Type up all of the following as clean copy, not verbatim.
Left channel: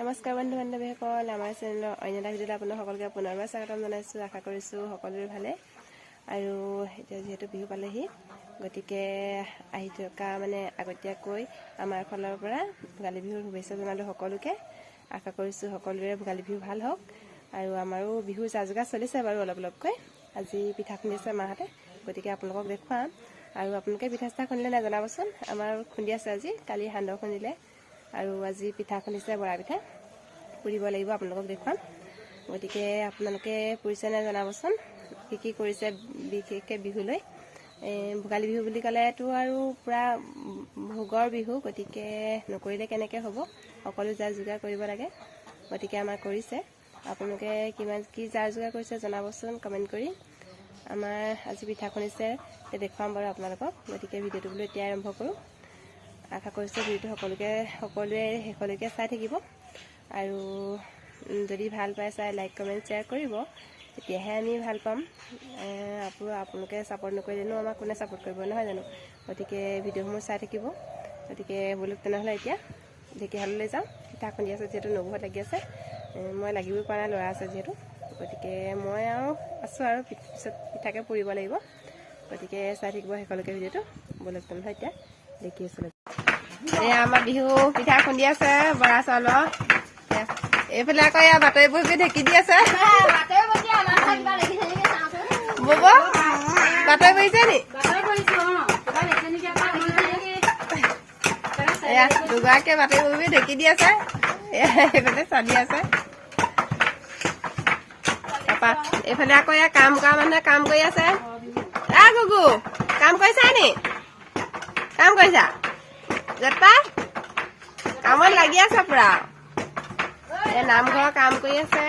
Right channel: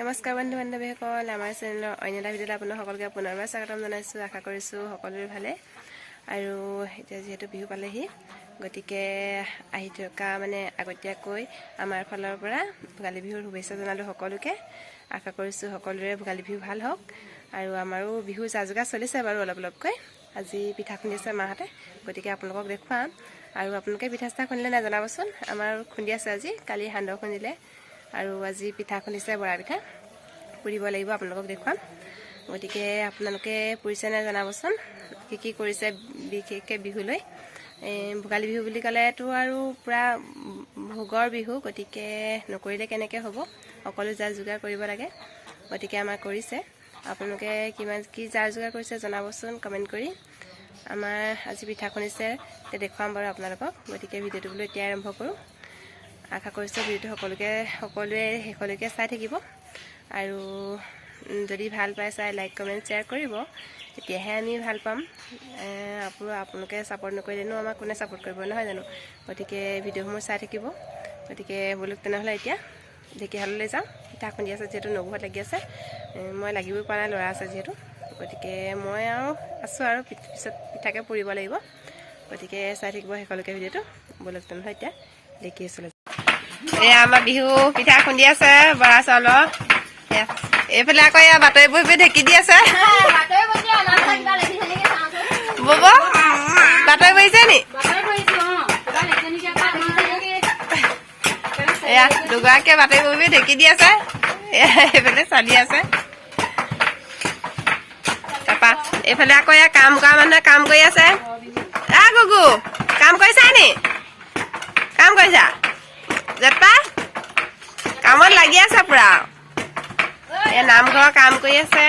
নমস্কাৰ বন্ধু বান্ধৱীসকল, আমাৰ চেনেলৰ অন্য এটা ভিডিঅ'ত আপোনাক সকলোকে পুনৰবাৰ স্বাগতম জনাইছোঁ। আশা কৰিছোঁ সকলোৰে ভালে। আৰু এতিয়া যিহেতু বিহু পালেহি, গতিকে আহি থকা আগতীয়াকৈ আমাৰ ফালৰ পৰা ভোগালী বিহুৰ শুভেচ্ছা জনালোঁ সকলোকে। আশা কৰিছোঁ সকলোৰে ভোগালী বিহু ভাল হওক। আৰু আমাৰো বিহু যা যোগাৰ চলিছে বাৰু অলপকৈ। আজি পিঠা খুন্দিছে মাহঁতে, গতিকে আপোনালোকক দেখুৱাম। আৰু আপোনালোকে পিঠা চিঠা খুন্দিলে নাই জনাবচোন। আমাৰ খুন্দি আছে আজি, কালি সান্দহ খুন্দিলে আৰু আজি পিঠা খুন্দিছে, বৰা পিঠা পুৰিব লাগিব, আপোনালোকক দেখুৱাম। গতিকে আপোনালোকে পুৰিছে নাই জনাবচোন, কি কৰিছে বিশেষকৈ বিহুলৈ। ভোগালী বিহু বুলি ক'লেতো আৰু পূৰা ভোগৰ বিহু, গতিকে নকৰিলে কেনেকৈ হ'ব। সকলো যা যোগাৰ কৰিব লাগে, গতিকে আমাৰ কৰিছে। আপোনালোকে কিমান কি যা যোগাৰ কৰিছে জনাবচোন কমেণ্ট কৰি। আমাৰ আজি পিঠা খুন্দিছে, দেখুৱাম বাৰু আপোনালোকক। গতিকে ভিডিঅ'টো বোলো এতিয়াই আৰম্ভ কৰোঁ। আশা কৰিছোঁ ভিডিঅ'টো সকলোৱে শেষলৈকে চাই থাকিব। আৰু যদি ভাল পাই চাই লাইক কমেণ্ট শ্বেয়াৰ কৰিব, তেতিয়াহে আমি ভাল পাম। আপোনালোকে ছাপোৰ্ট নকৰিলেনো আমাক কোনে ছাপোৰ্ট কৰিব, নহয় জানো। গতিকে ভিডিঅ'সমূহ চাই থাকিব। গতিকে বোলো তেনেহ'লে এতিয়া ঢেকীয়াশাললৈ যাওঁ। পিঠা খুন্দি আছে যিহেতু, নবৌহঁত লাগি আছে, মই লাগিবই পৰা নাই, ল'ৰা আছে যিহেতু। গতিকে মই আৰু আছোঁ আৰু পিছত পিঠাকে পুৰিব লাগিব। গতিকে চাই থাকিব শেষলৈকে ভিডিঅ'টো। বোলো তেনেহ'লে এতিয়া ঢেকীয়াশাললৈ এয়া আমাৰ বিহু পিঠা খুন্দি আছে, বৰা চাউলৰ। এইফালে আকৌ এয়া বাতৰি বহি ঢেকি দি আছে। বব বাতৰি বহিছে নি? এয়া দুগৰাকীয়ে বাতৰি বহি ঢেকি দি আছে, এইফালে চালি আছে। তাৰপা এইফালে আকৌ এয়া কাম কৰা মানুহে কাম কৰি আছে। গুগু কাম কৰিছা নি? কাম কৰিছা? জেঠপা কামত লাগি আছে পুৰা। এয়া নামঘৰৰ কাম কৰি আছে,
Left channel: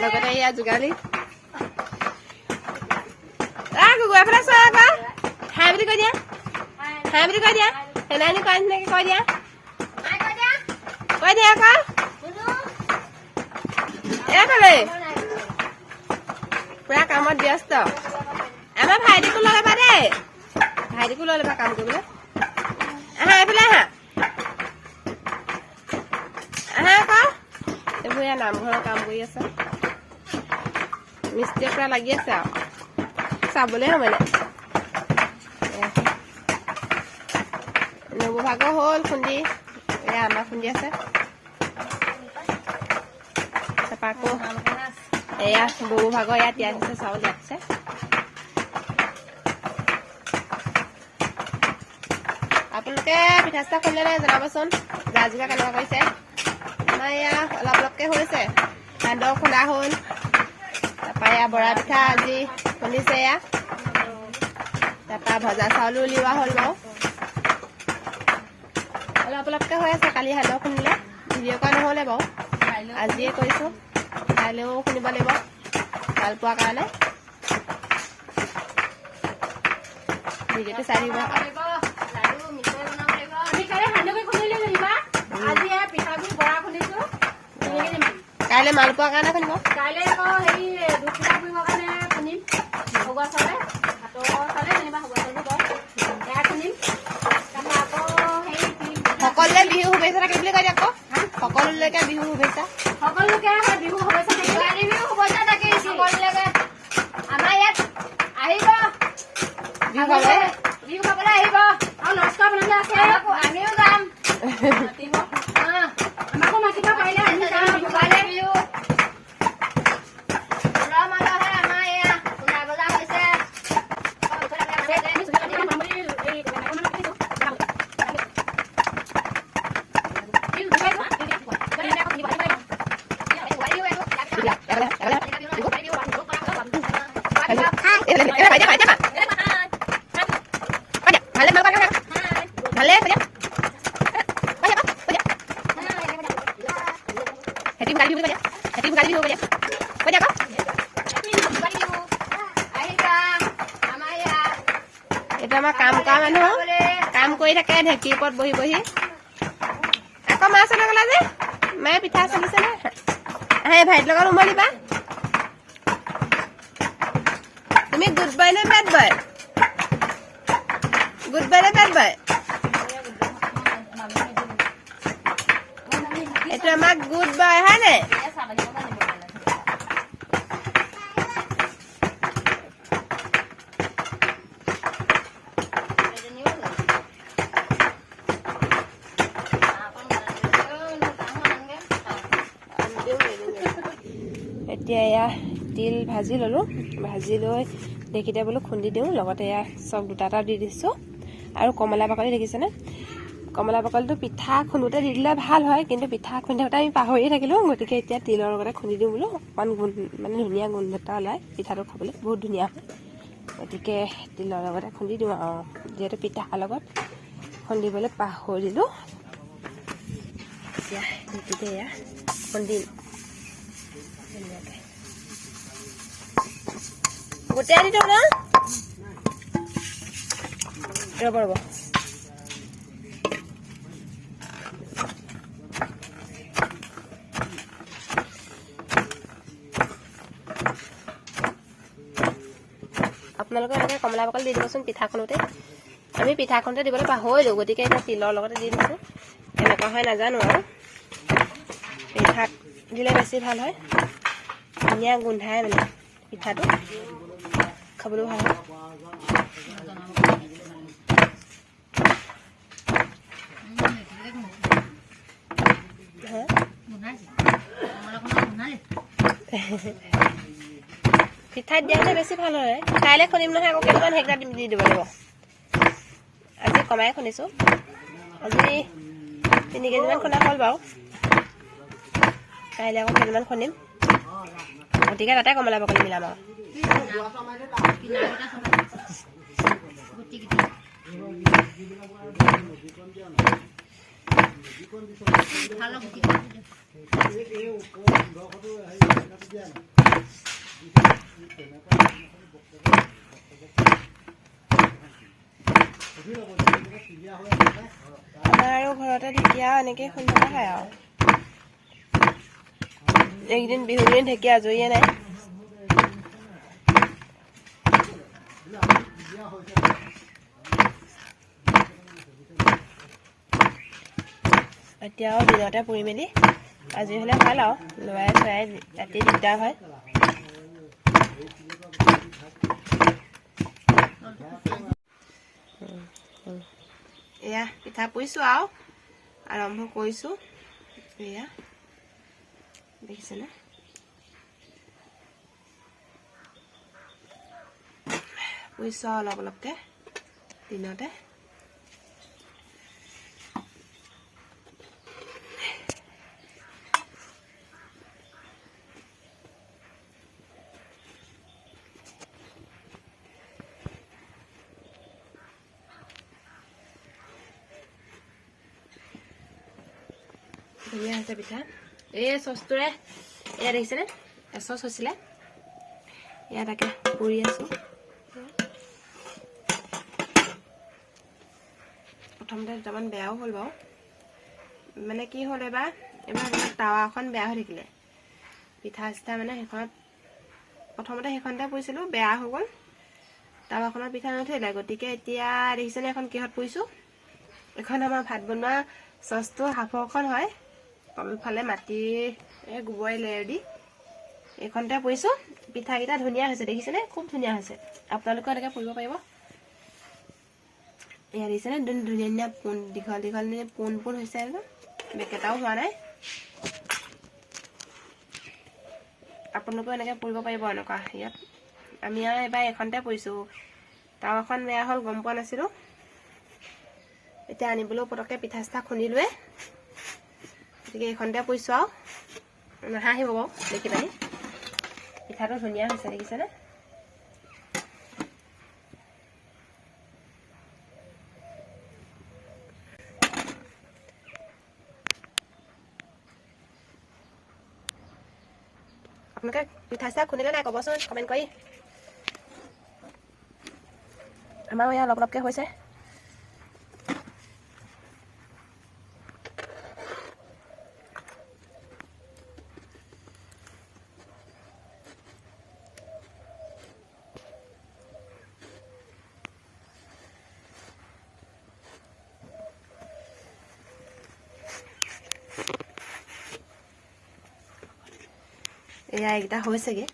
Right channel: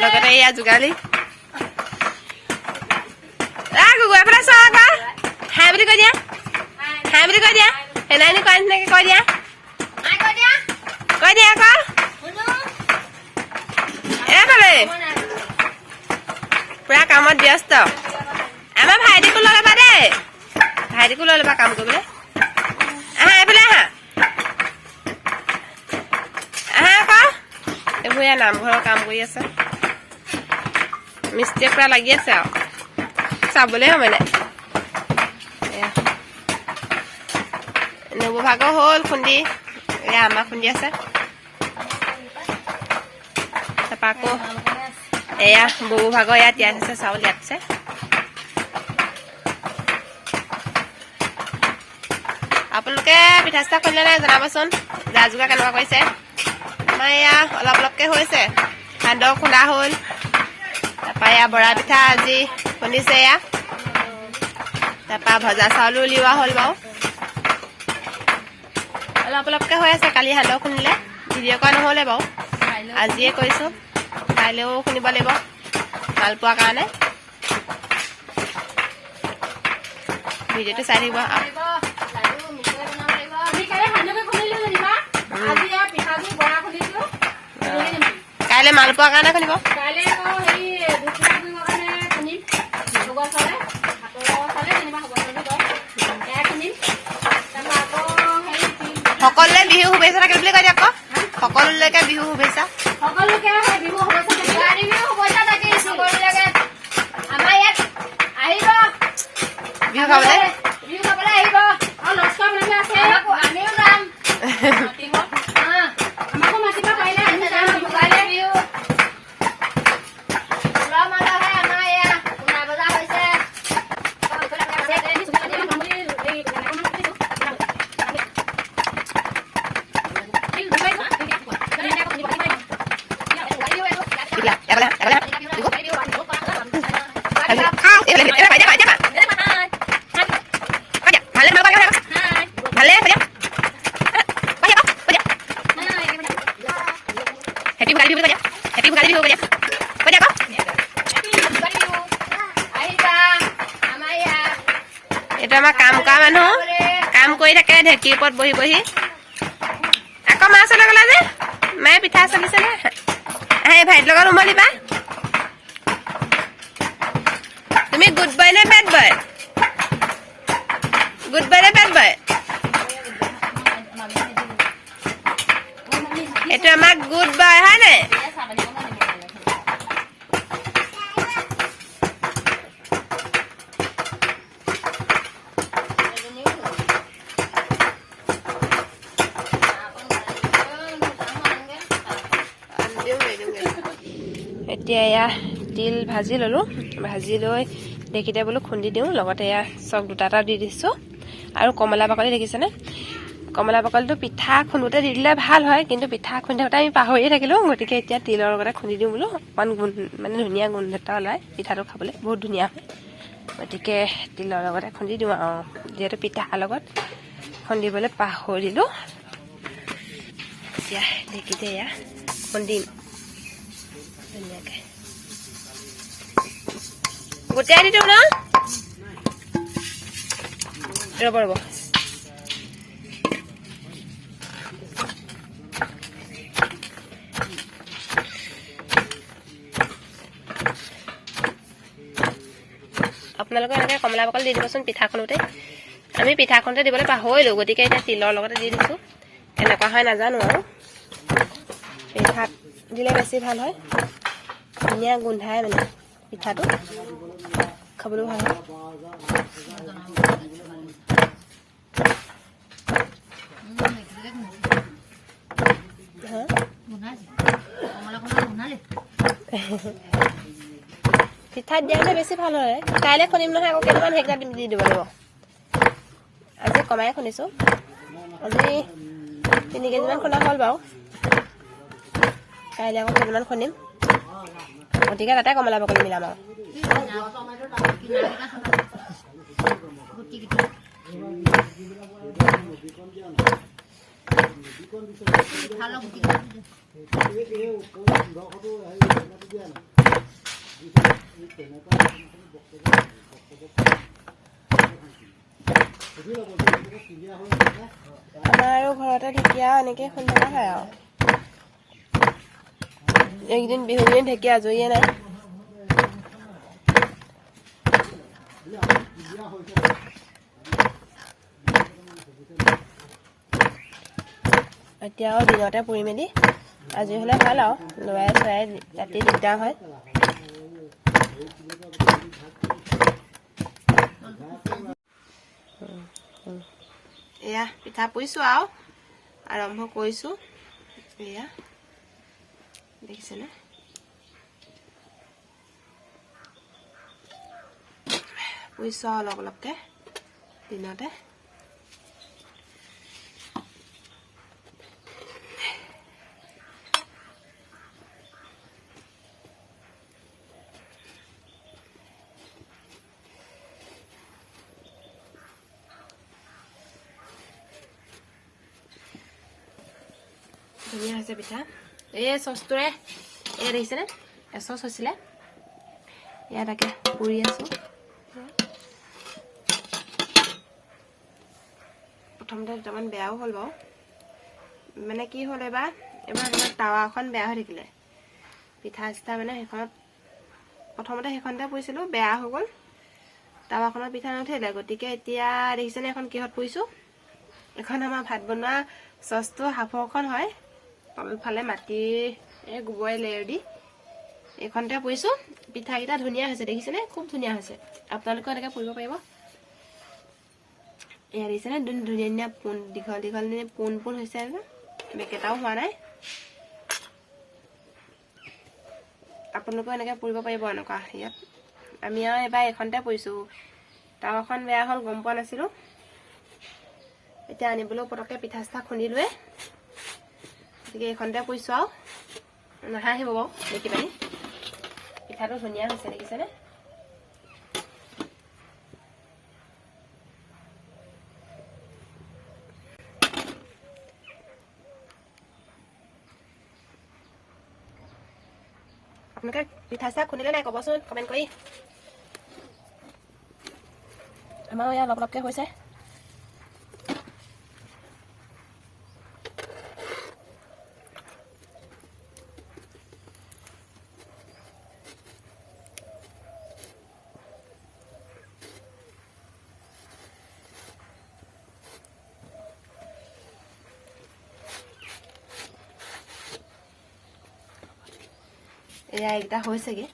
লগতে এয়া যোগালী। গুগু এফালে চোৱা আকৌ, হাই বুলি কৈ দিয়া, হাই বুলি কৈ দিয়া। সেইদিনাখনি কোৱা নিচিনাকে কৈ দিয়া, কৈ দিয়া আকৌ। এইফালে পুৰা কামত ব্যস্ত। আমাৰ ভাইটিকো লৈ ল'বা দেই, ভাইটিকো লৈ ল'বা কাম কৰিবলৈ। আহা এইফালে আহা, আহা আকৌ। এইবোৰ এয়া নামঘৰৰ কাম কৰি আছে, মিস্ত্ৰীয়ে পুৰা লাগি আছে আৰু চাবলৈ সময় নাই। নবৌ ভাগৰ হ'ল খুন্দি, এয়া আমাক খুন্দি আছে। তাৰপৰা আকৌ এয়া বৌ ভাগৰ ইয়াত তিয়াই থৈছে চাউল, ইয়াত আছে। আপোনালোকে পিঠা চিঠা খুন্দিলে নাই জনাবচোন, যা যোগাৰ কেনেকুৱা কৰিছে। আমাৰ এয়া অলপ অলপকৈ হৈছে, সান্দহ খুন্দা হ'ল। তাৰপৰা এয়া বৰা পিঠা আজি খুন্দিছে এয়া। তাৰপৰা ভজা চাউলো উলিওৱা হ'ল বাৰু, অলপ অলপকৈ হৈ আছে। কালি সান্দহ খুন্দিলে, ভিডিঅ' কৰা নহ'লে বাৰু, আজিয়ে কৰিছোঁ। কাইলৈও খুন্দিব লাগিব ভাল পোৱাৰ কাৰণে। ভিডিঅ'টো চাই থাকিব। কাইলৈ মালপোৱাৰ কাৰণে খুন্দিব। সকলোৱে বিহু শুভেচ্ছা থাকিল বুলি কৈ দিয়ক আকৌ। সকলোলৈকে বিহু শুভেচ্ছা। বিহু খাবলৈ আহিব। আমিও যাম। আমাকো মাতিব পাৰিলে আমি যাম। এইটো আমাৰ কাম কৰা মানুহ, কাম কৰি থাকে ঢেঁকীৰ ওপৰত বহি বহি। আকৌ মা চলে গ'লা যে, মায়ে পিঠা চলিছে নে? আহে ভাইটিৰ লগত উমলিবা। তুমি গুড বয় নে বেড বয়? গুড বয় নে বেড বয়? এইটো আমাৰ গুড বয় হয় নাই এতিয়া এয়া তিল ভাজি ল'লোঁ ভাজি লৈ ঢেঁকীতে বোলো খুন্দি দিওঁ লগতে এয়া চক দুটা এটা দি দিছোঁ আৰু কমলা বাকলি দেখিছেনে কমলা বাকলিটো পিঠা খুন্দোতে দি দিলে ভাল হয় কিন্তু পিঠা খুন্দোতে আমি পাহৰিয়ে থাকিলোঁ গতিকে এতিয়া তিলৰ লগতে খুন্দি দিওঁ বোলো অকণমান মানে ধুনীয়া গোন্ধ এটা ওলায় পিঠাটো খাবলৈ বহুত ধুনীয়া হয় গতিকে তিলৰ লগতে খুন্দি দিওঁ আৰু যিহেতু পিঠাৰ লগত খুন্দিবলৈ পাহৰিলোঁ এতিয়া ঢেঁকীতে এয়া খুন্দিম ধুনীয়াকৈ গোটাই দি দিওঁ ন ৰ'ব ৰ'ব আপোনালোকে এনেকৈ কমলা বাকলি দি দিবচোন পিঠাখনতে আমি পিঠাখনতে দিবলৈ পাহৰিলোঁ গতিকে এতিয়া তিলৰ লগতে দি দিছোঁ কেনেকুৱা হয় নাজানো আৰু পিঠাত দিলে বেছি ভাল হয় ধুনীয়া গোন্ধাই মানে পিঠাটো খাবলৈ ভাল হয় পিঠাত দিয়া হ'লে বেছি ভাল হয় কাইলৈ খুন্দিম নহয় আকৌ কেইটামান সেইকেইটা দি দিব লাগিব আজি কমাই খুন্দিছোঁ আজি 3 কেজিমান খুন্দা হ'ল বাৰু কাইলৈ আকৌ কেইটামান খুন্দিম গতিকে তাতে কমলা বাকলি মিলাম আৰু আমাৰ আৰু ঘৰতে ঢেকীয়া এনেকৈ খুন্দি থকা হয় আৰু এইকেইদিন বিহু কেইদিন ঢেকীয়া আজৰিয়ে নাই এতিয়া আৰু দিনতে পুৰি মেলি আজৰি হ'লে ভাল আৰু ল'ৰাই চৰাই ৰাতি দিগদাৰ হয় এয়া পিঠা পুৰিছোঁ আৰু আৰম্ভ কৰিছোঁ এয়া দেখিছেনে পুৰিছোঁ আৰু অলপ অলপকৈ দিনতে ধুনীয়া হৈছে পিঠা এই চচটোৰে এয়া দেখিছেনে এচচ হৈছিলে এয়া তাকে পুৰি আছোঁ প্ৰথমতে দুটামান বেয়াও হ'ল বাৰু মানে কি হ'ল এবাৰ টাৱাখন বেয়া হৈ থাকিলে পিঠা চিঠা মানে সেইখনত প্ৰথমতে সেইখনতে পুৰিছিলোঁ বেয়া হৈ গ'ল টাৱাখনৰ পিঠা নুঠিলে গতিকে এতিয়া দেখিছেনে এখন কিহত পুৰিছোঁ এখন আমাৰ ভাত বনোৱা চচটো হাফৰখন হয় তলফালে মাটি গোবৰে লেয়াৰ দি এইখনতে পুৰিছোঁ পিঠাকেইটা ধুনীয়া হৈছে দেখিছেনে খুব ধুনীয়া হৈছে আপোনালোকে এনেকৈ পুৰিব পাৰিব এয়া দেখিছেনে ধুনীয়া ধুনীয়া পোন দীঘল দীঘল পোন পোন হৈছে আৰু বেকেটাও হোৱা নাই আপোনালোকেও এনেকৈ পুৰিব পাৰিব এনেকুৱা ইয়াত আমি আৰু এবাৰ এইখনতে পুৰিছোঁ টাৱাখন বেয়া হ'ল গম পোৱা নাছিলোঁ এতিয়া আনিবলৈও পটককৈ পিঠা চিঠা খুন্দিলোৱে গতিকে এইখনতে পুৰিছোঁ আৰু নাহাঁহিব বাৰু দেখি পানি পিঠাটো ধুনীয়া হৈছে দেখিছেনে আপোনালোকে পিঠা চিঠা খুন্দিলে নাই ক'বচোন কমেণ্ট কৰি আমাৰো এয়া অলপ অলপকৈ হৈছে এয়া এইকেইটা হৈছেগৈ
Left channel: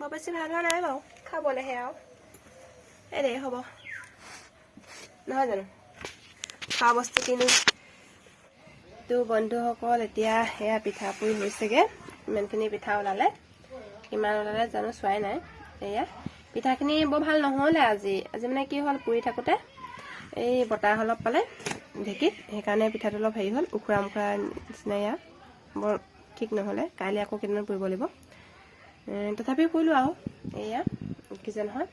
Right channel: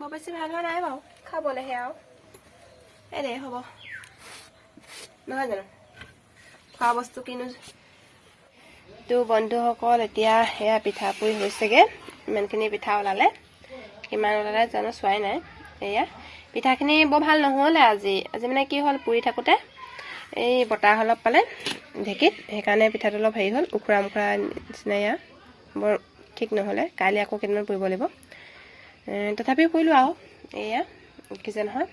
বৰ বেছি ভাল হোৱা নাই বাৰু খাবলৈহে আৰু এনেই হ'ব নহয় জানো খোৱা বস্তু কিনো তো বন্ধুসকল এতিয়া সেয়া পিঠা পুৰি হৈছেগৈ ইমানখিনি পিঠা ওলালে কিমান ওলালে জানো চোৱাই নাই এয়া পিঠাখিনি বৰ ভাল নহ'লে আজি মানে কি হ'ল পুৰি থাকোঁতে এই বতাহ অলপ পালে ঢেঁকীত সেইকাৰণে পিঠাটো অলপ হেৰি হ'ল উখুৰা মুখুৰা নিচিনা এয়া বৰ ঠিক নহ'লে কাইলৈ আকৌ কেইদিনমান পুৰিব লাগিব তথাপিও পুৰিলোঁ আৰু এয়া দেখিছে নহয়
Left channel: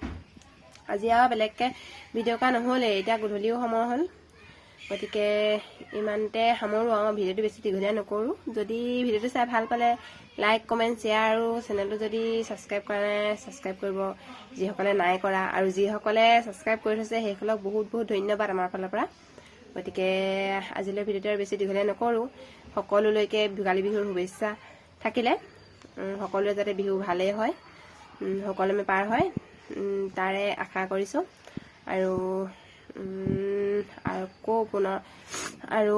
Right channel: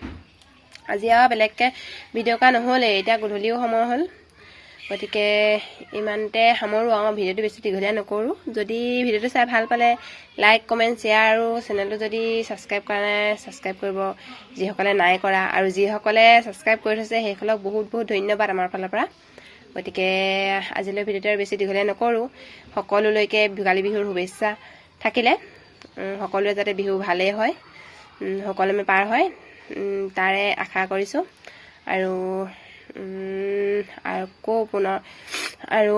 আজি আৰু বেলেগকৈ ভিডিঅ' কৰা নহ'লে এতিয়া গধূলিও সময় হ'ল গতিকে ইমানতে সামৰোঁ আৰু ভিডিঅ'টো বেছি দীঘলীয়া নকৰোঁ যদি ভিডিঅ'টো চাই ভাল পালে লাইক কমেণ্ট শ্বেয়াৰ আৰু চেনেলটো যদি ছাবস্ক্ৰাইব কৰা নাই ছাবস্ক্ৰাইব কৰিব যিসকলে নাই কৰা আৰু যিসকলে ছাবস্ক্ৰাইব কৰি থৈছে সেইসকলক বহুত বহুত ধন্যবাদ আমাৰ ফালৰ পৰা গতিকে আজিলৈ ভিডিঅ'টো আৰু বেছি দীঘলীয়া নকৰোঁ সকলোলৈকে ভোগালী বিহুৰ শুভেচ্ছা থাকিলে সকলোৱে যাতে বিহু ভালেই হয় সকলোমে পাৰ হয় তাৰে আশা কৰিছোঁ আৰু আকৌ পুনৰ আৰু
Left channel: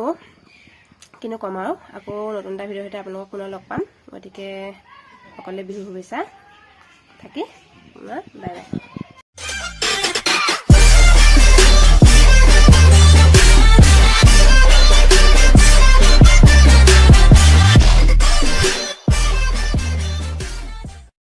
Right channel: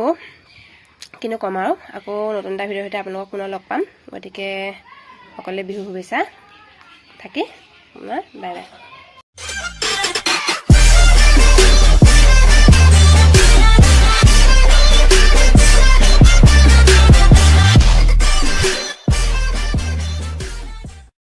কিনো ক'ম আৰু আকৌ নতুন এটা ভিডিঅ'ৰ সৈতে আপোনালোকক পুনৰ লগ পাম গতিকে সকলোৱে বিহু শুভেচ্ছা থাকি বাই বাই